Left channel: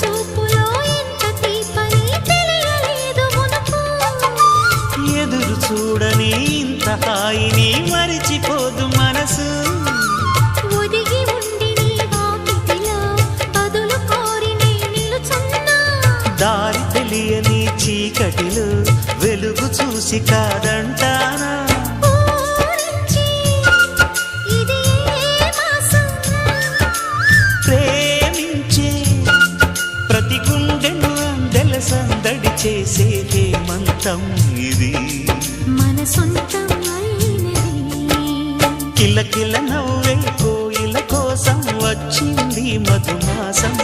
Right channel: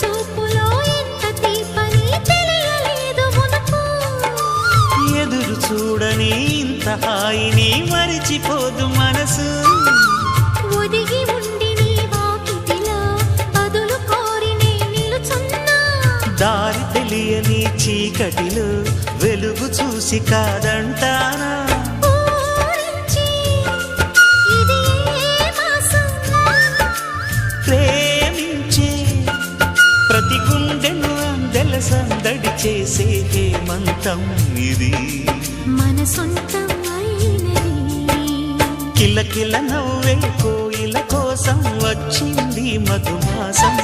చూపులో ఎంత తీపని తెలియలేదు మునుపు. ఎదురు చూడని ఇంత హాయిని మరిచిపోదు మనసు. ఒదిగి ఉండి నీ వాకిటిలో బదులు కోరి నే నిలుచున్నా. దారి తెలియని చీకటిలో వెలుగు చూసి కాదంటానా. ఊరించి ఇది ఏ మాసం? ప్రేమించే ప్రతి గుండెను అందెల సందడి చేసే హేమంతం ఇది. మన సొంతం అయినది. కిలకిల నవ్వే కోయిల కోసం వచ్చింది మధుమాసం.